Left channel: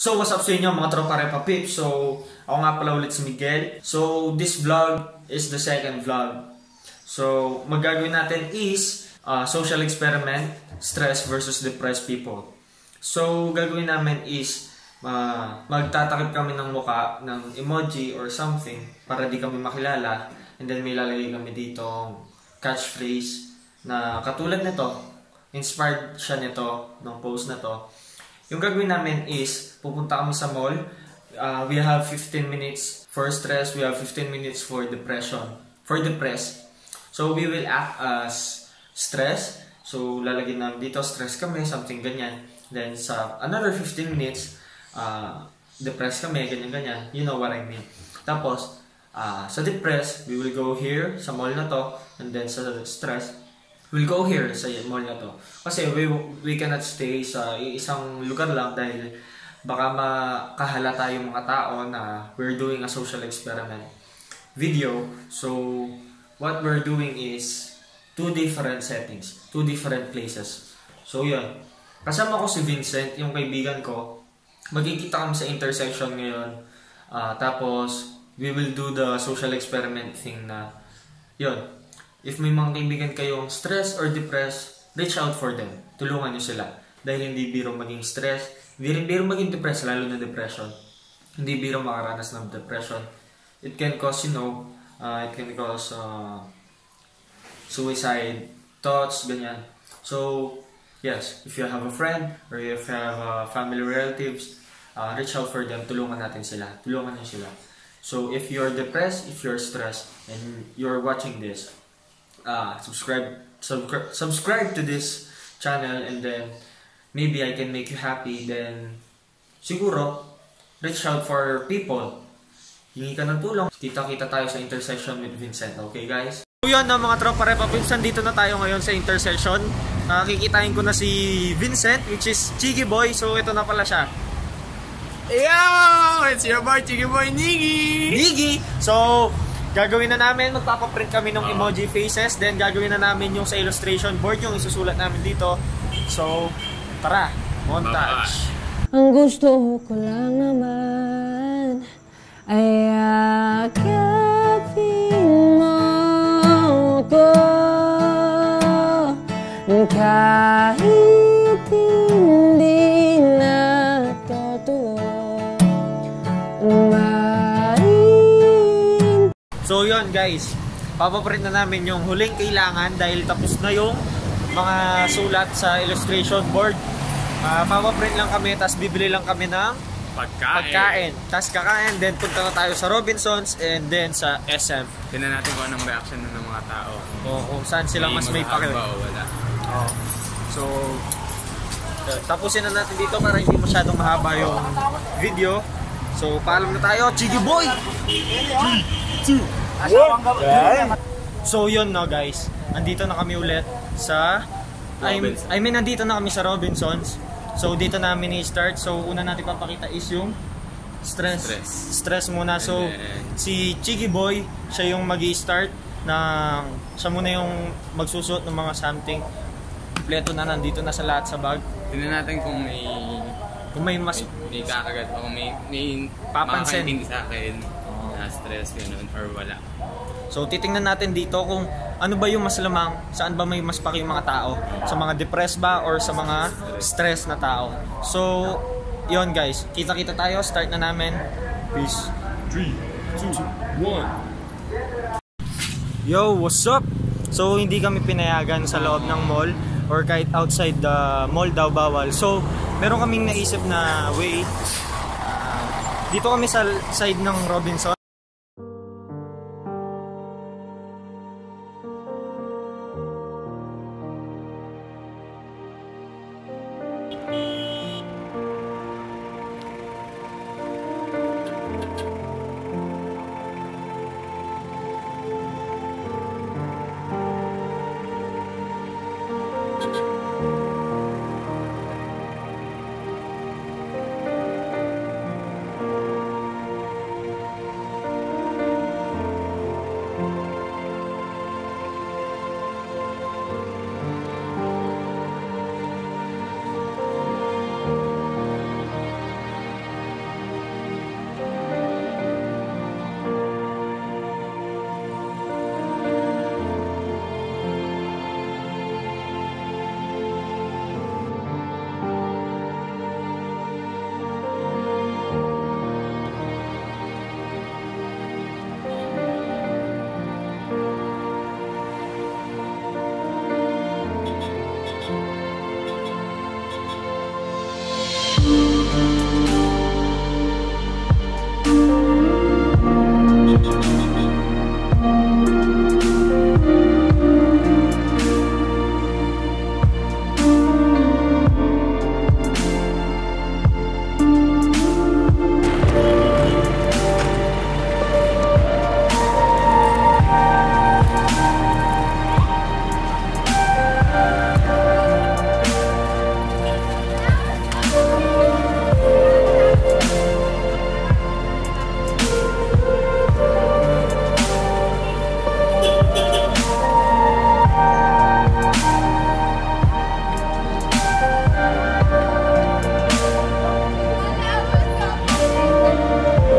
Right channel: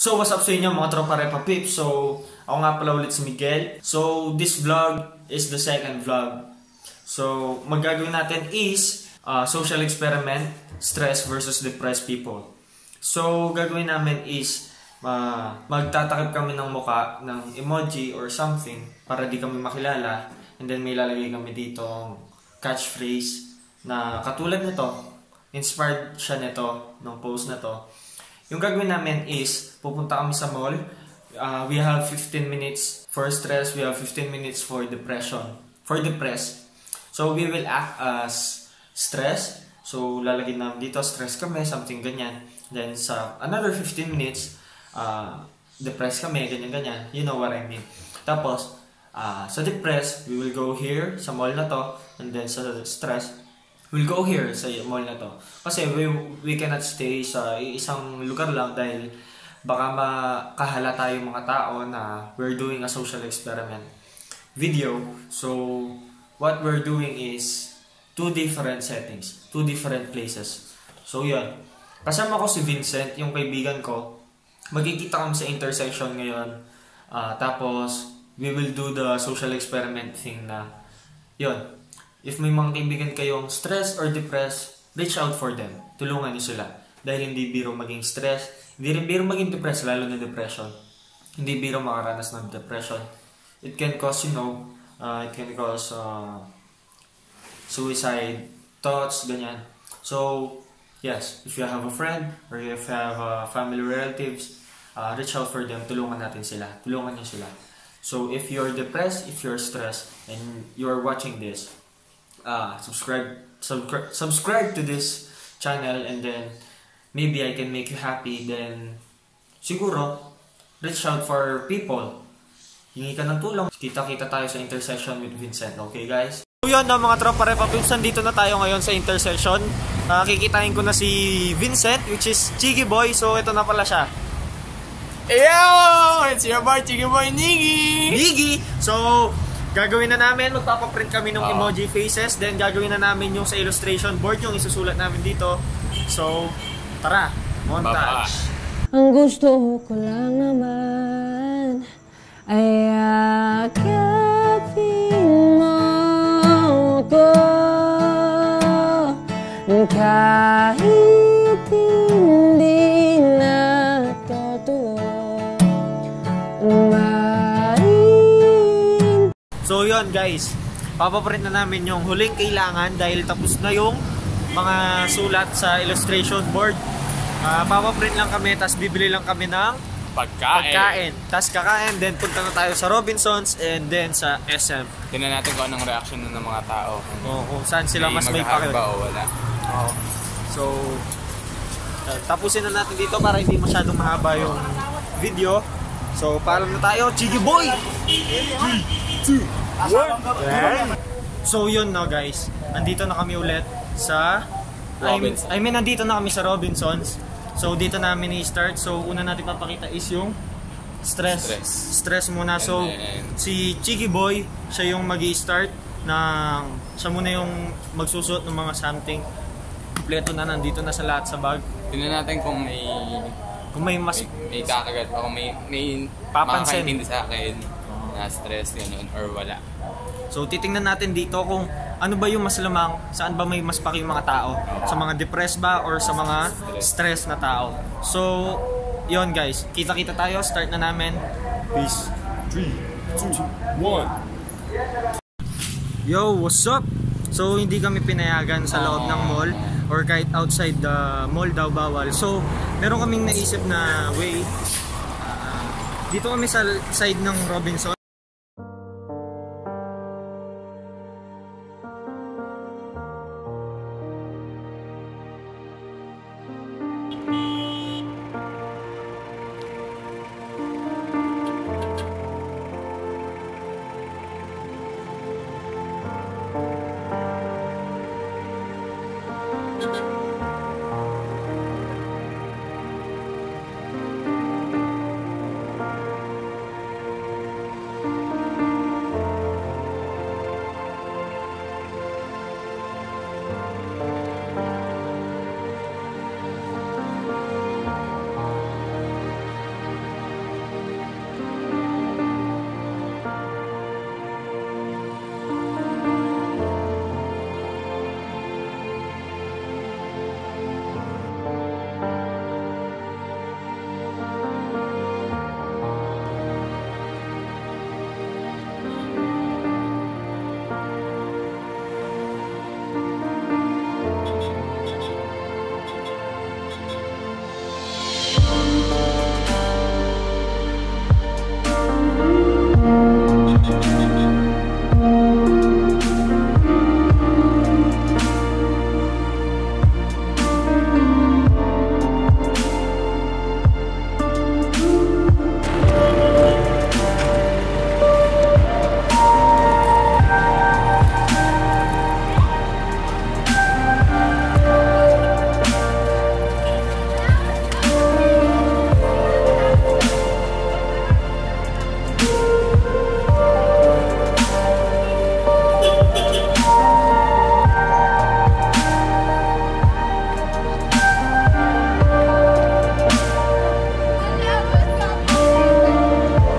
So what's up sa inyo mga tropa Repa Pips? So ako nga pala ulit si Miguel. So this vlog is the second vlog. So magagawin natin is social experiment, stress versus depressed people. So gagawin namin is magtatakip kami ng muka ng emoji or something para di kami makilala, and then may lalagay kami dito catchphrase na katulad nito. Inspired siya nito ng post na to. Yung gagawin namin is, pupunta kami sa mall. We have 15 minutes for stress. We have 15 minutes for depression. For depressed. So, we will act as stress. So, lalagyan namin dito, stress kami, something ganyan. Then, sa another 15 minutes, depressed kami, ganyan-ganyan. You know what I mean. Tapos, sa depressed, we will go here, sa mall na to. And then, sa stress, we'll go here sa mall na to. Kasi we cannot stay sa isang lugar lang dahil baka makahalata yung mga tao na we're doing a social experiment video. So, what we're doing is 2 different settings, 2 different places. So, yun. Kasama ko si Vincent, yung kaibigan ko. Magkikita kami sa intersection ngayon. Tapos, we will do the social experiment thing na, yun. If may mga kaibigan kayong stressed or depressed, reach out for them. Tulungan nyo sila. Dahil hindi biro maging stress, hindi rin biro maging depressed, lalo na depression. Hindi biro makaranas ng depression. It can cause, it can cause suicide thoughts, ganyan. So, yes, if you have a friend or if you have family relatives, reach out for them. Tulungan natin sila. Tulungan nyo sila. So, if you're depressed, if you're stressed, and you're watching this, subscribe to this channel, and then maybe I can make you happy. Then siguro reach out for people, hingi ka ng tulong. Kita-kita tayo sa intersection with Vincent. Okay guys, so yun na mga tropa Repa Pips, dito na tayo ngayon sa intersection. Kikitain ko na si Vincent, which is Chigi Boy. So ito na pala siya. Yo! It's your boy Chigi Boy Niggy. So gagawin na namin, magpapaprint kami ng emoji faces. Then gagawin na namin yung sa illustration board, yung isusulat namin dito. So, tara, montage. Ang gusto ko lang naman ay akapin mo ko, kahit hindi na totoo. So yun guys, papaprint na namin yung huling kailangan dahil tapos na yung mga sulat sa illustration board. Papaprint lang kami, tas bibili lang kami ng pagkain. Tas kakain, then punta na tayo sa Robinsons and then sa SM. Tingnan natin kung anong reaction ng mga tao. Kung saan sila mas may pakil. So, tapusin na natin dito para hindi masyadong mahaba yung video. So, paalam na tayo, Chigi Boy! 3, 2, 1. So yun na guys, andito na kami ulit sa nandito na kami sa Robinsons. So dito namin i-start. So una natin papakita is yung stress muna. So si Chigi Boy, siya yung magi-start ng, siya muna yung magsusuot ng mga something. Kompleto na, nandito na sa lahat sa bag. Tingnan natin kung may kakagat o kung may papansin hindi sa akin na stress yun or wala. So titingnan natin dito kung ano ba yung mas lamang, saan ba may mas paki yung mga tao, sa mga depressed ba or sa mga stress na tao. So yon guys, kita-kita tayo, start na namin. Peace. 3, 2, 1. Yo, what's up? So hindi kami pinayagan sa loob ng mall or kahit outside the mall daw bawal. So meron kaming naisip na way. Dito kami sa side ng Robinson.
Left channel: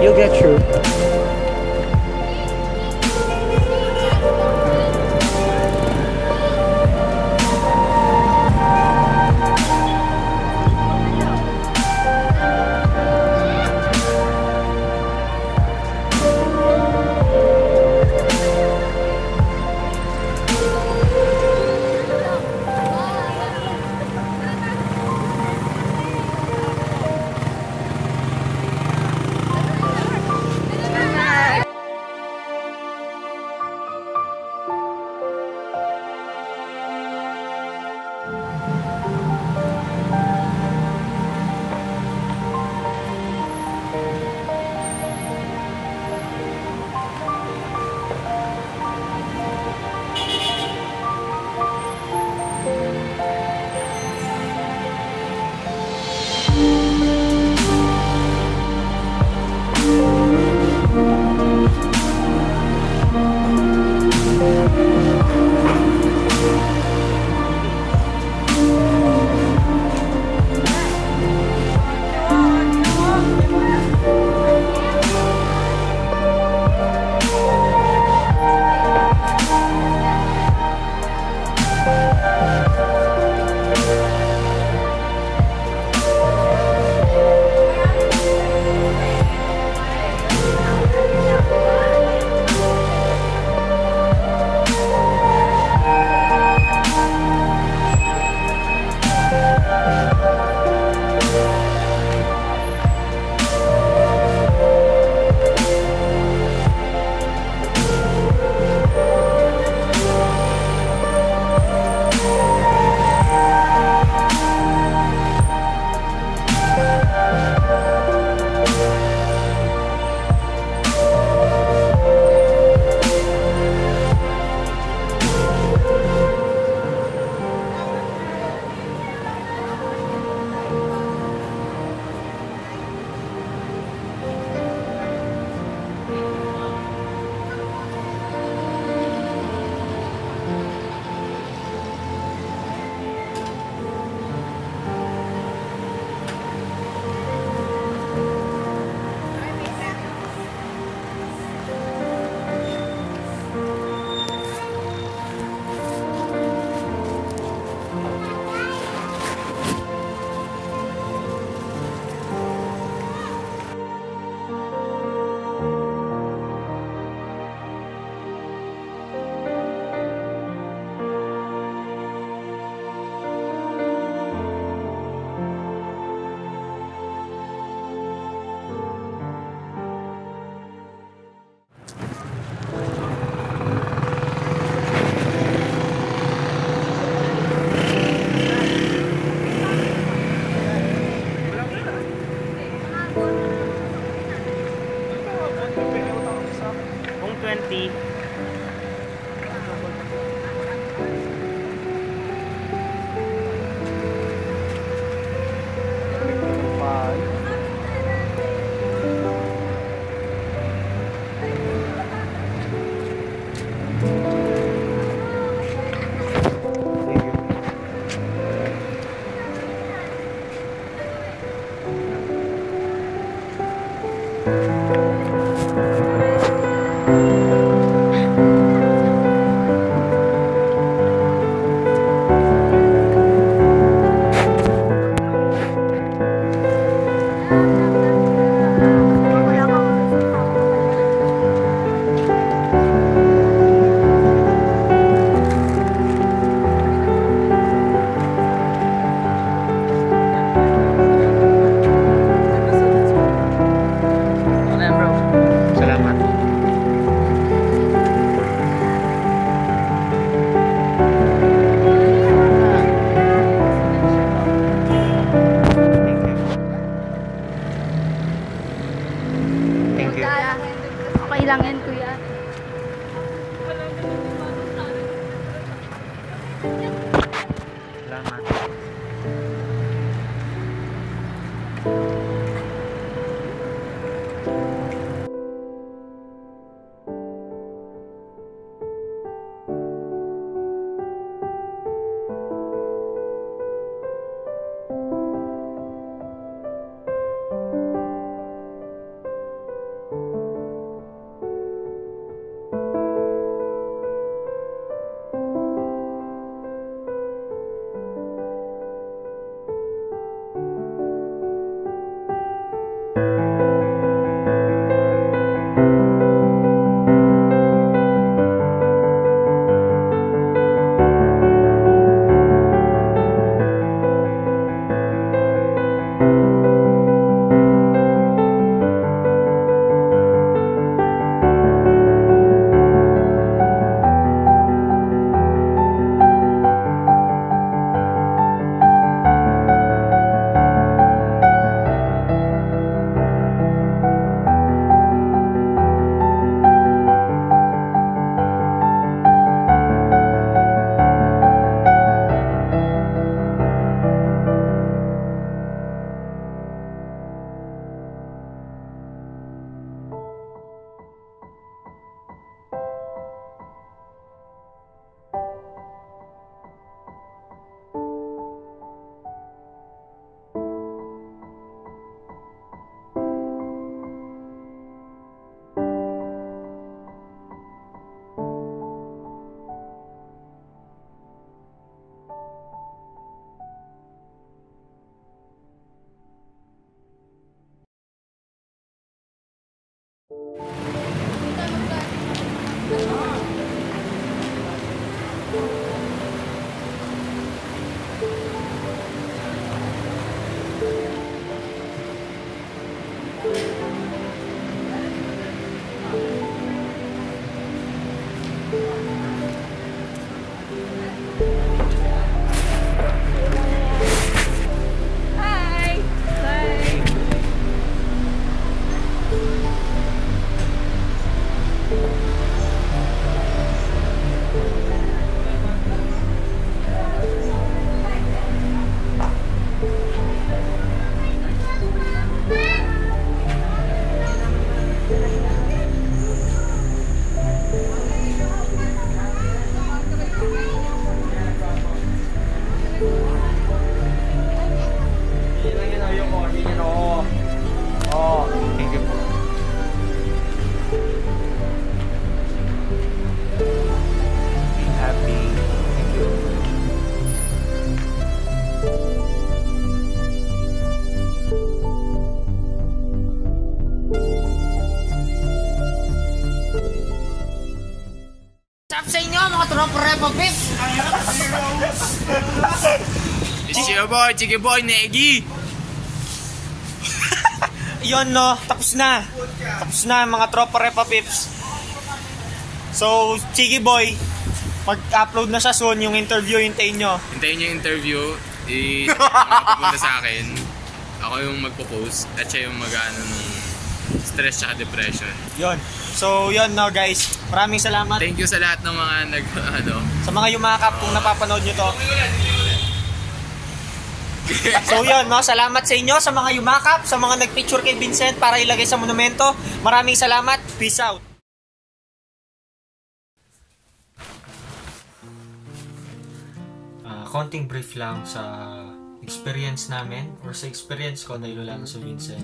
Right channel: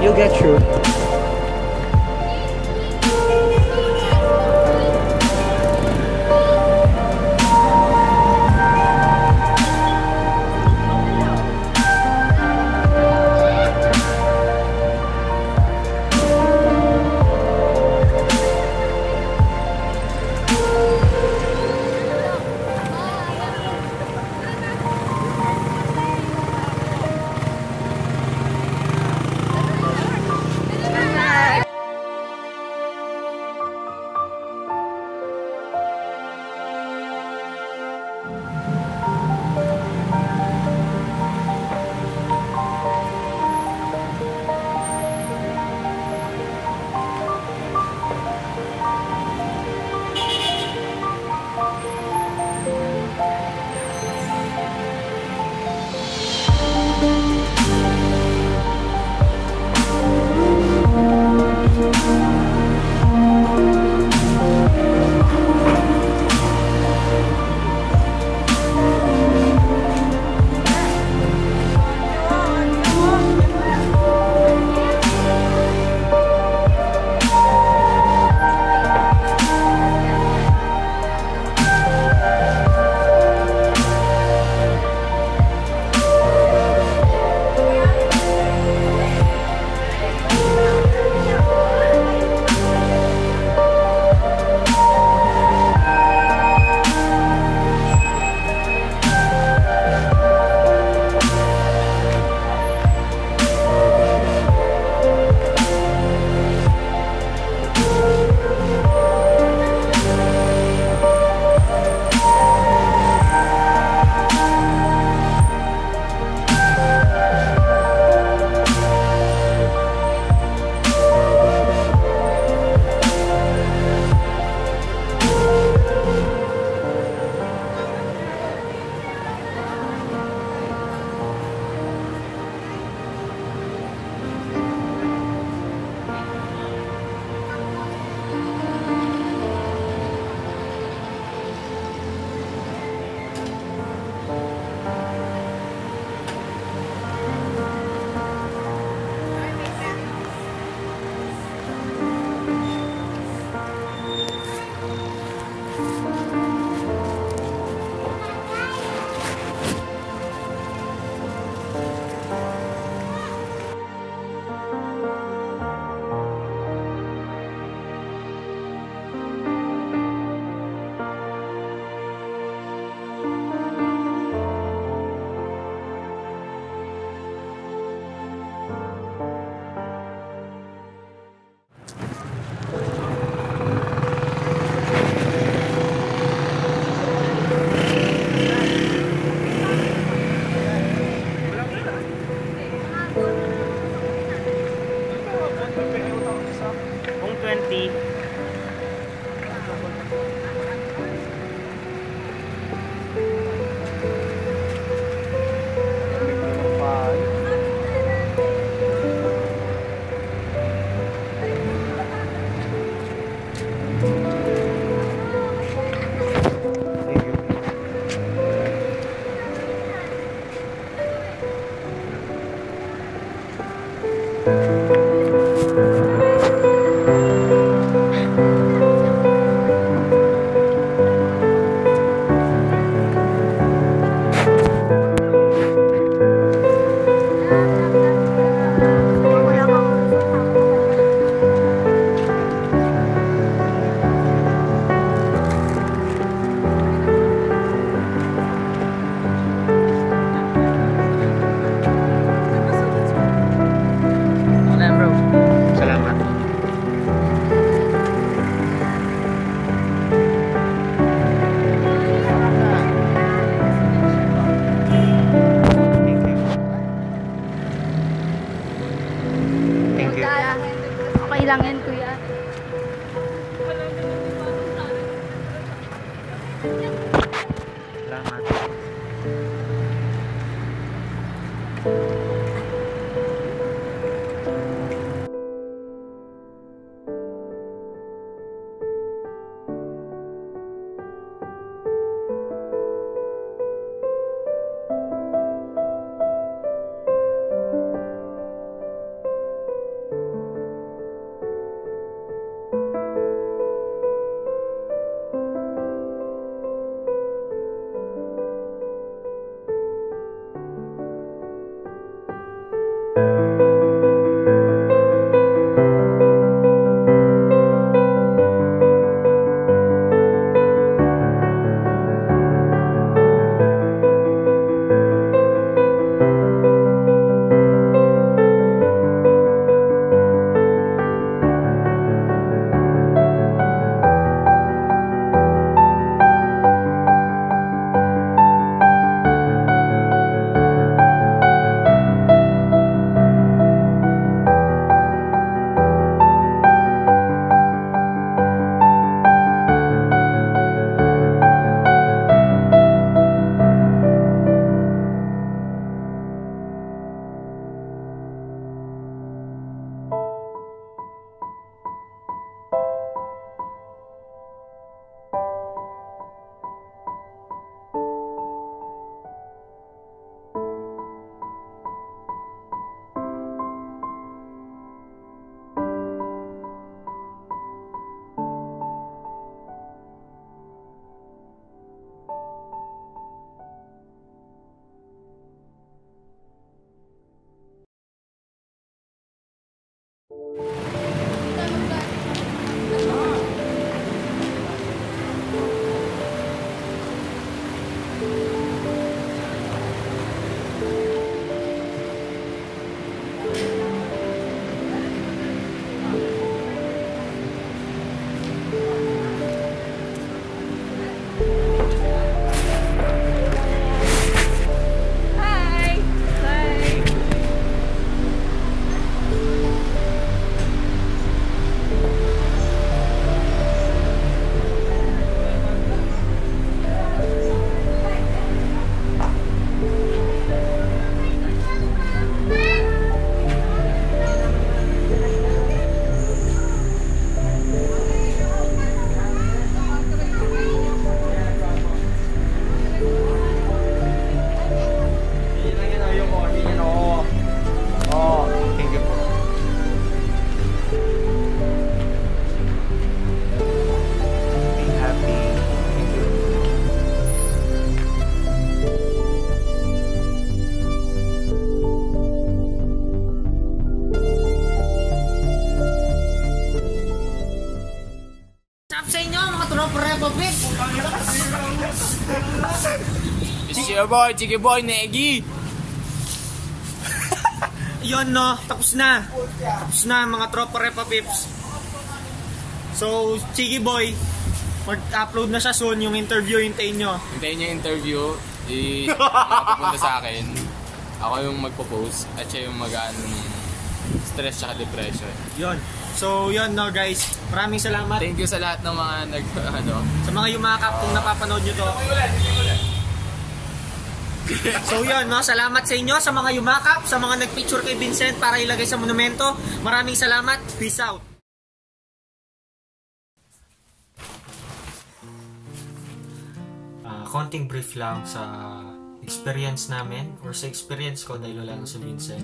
You'll get through. lang yan, kuya. Salamat. Sa inyo, mga tropa Repa Pip. It's your boy, Negi. Yun no, tapos na. Tapos na mga tropa Repa Pips. So, Chiki Boy, mag-upload na siya soon yung interview, hintayin nyo. Hintayin nyo yung interview. Pupunta sa akin. Ako yung magpo-post at siya yung mag-ano nung stress tsaka depression. Yun. So, yun no guys. Maraming salamat. Thank you sa lahat ng mga sa mga yumakap kung napapanood nyo to. So yun no, salamat sa inyo sa mga yumakap, sa mga nagpicture kay Vincent para ilagay sa monumento. Maraming salamat. Peace out. Konting brief lang sa experience namin or sa experience ko dahil wala sa Vincent.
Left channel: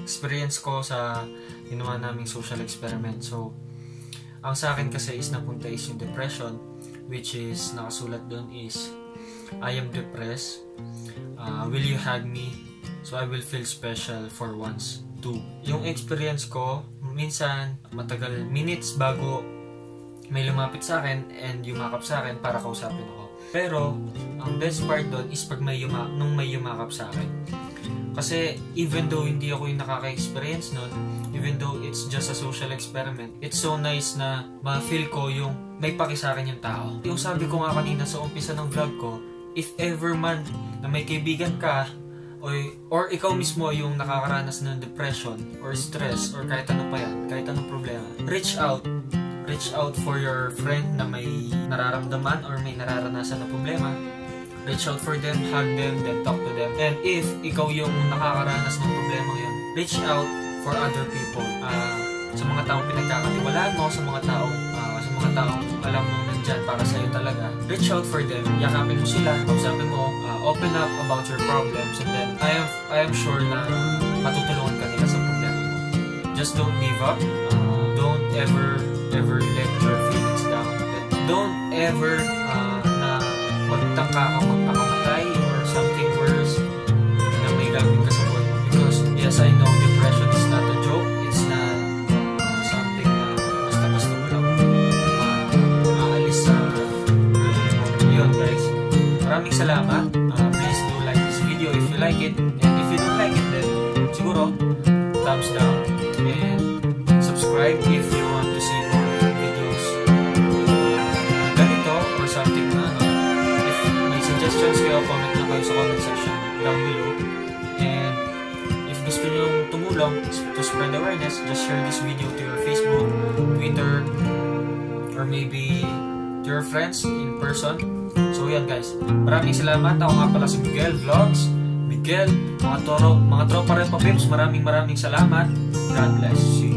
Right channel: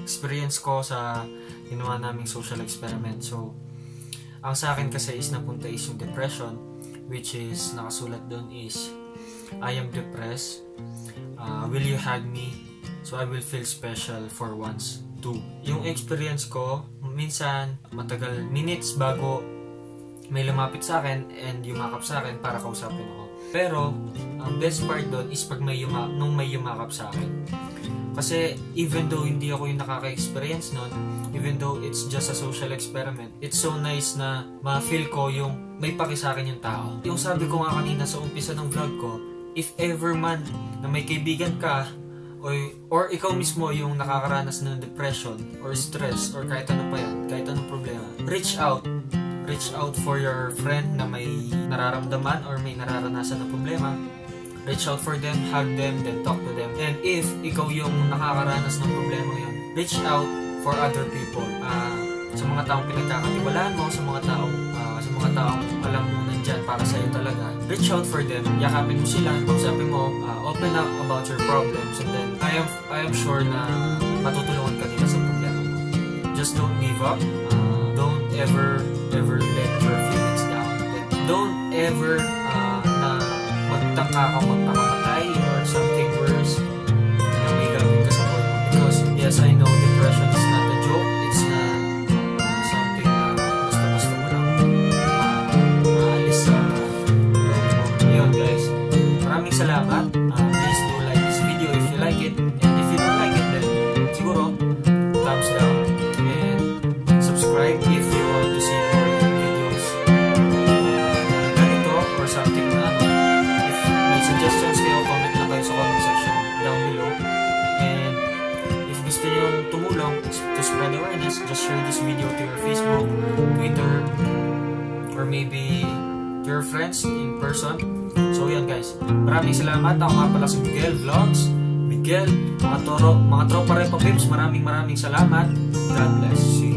Experience ko sa ginawa naming social experiment. So, ang sa akin kasi is napunta is yung depression, which is nakasulat doon is I am depressed. Will you hug me? So I will feel special for once too. Yung experience ko, minsan matagal minutes bago may lumapit sa akin and yumakap sa akin para kausapin ako. Pero ang best part doon is pag nung may yumakap sa akin. Kasi even though hindi ako yung nakaka-experience nun, even though it's just a social experiment, it's so nice na ma-feel ko yung may paki sa akin yung tao. Yung sabi ko nga kanina sa umpisa ng vlog ko, if ever man na may kaibigan ka or ikaw mismo yung nakakaranas ng depression or stress or kahit ano pa yan, kahit anong problema, reach out for your friend na may nararamdaman or may nararanasan na problema. Reach out for them, hug them, then talk to them. And if ikaw yung nakakaranas ng problema yun, reach out for other people. Sa mga taong pinagkakatiwalaan mo, sa mga taong alam mo nandyan para sa'yo talaga. Reach out for them, yakapin mo sila, kausapin mo, open up about your problems, and then I am sure na matutulungan ka nila sa problema mo. Just don't give up. Don't ever let your feelings down. Don't ever magtangka ka magpakamatay or something worse na may gagawin ka sa buhay mo. Because yes, I know depression is not a joke. It's not something na basta-basta mo lang maalis sa yun guys. Maraming salamat. Please do like this video if you like it. And if you don't like it, then siguro thumbs down. And subscribe if you want to see more videos ganito or something na if may suggestions kayo, comment na kayo sa comment section down below. And if gusto nyo tumulong to spread awareness, just share this video to your Facebook, Twitter, or maybe to your friends in person. So yan guys, maraming salamat. Ako nga pala si Miguel Vlogs. Miguel, mga tropa Repa Pips, maraming salamat. God bless you.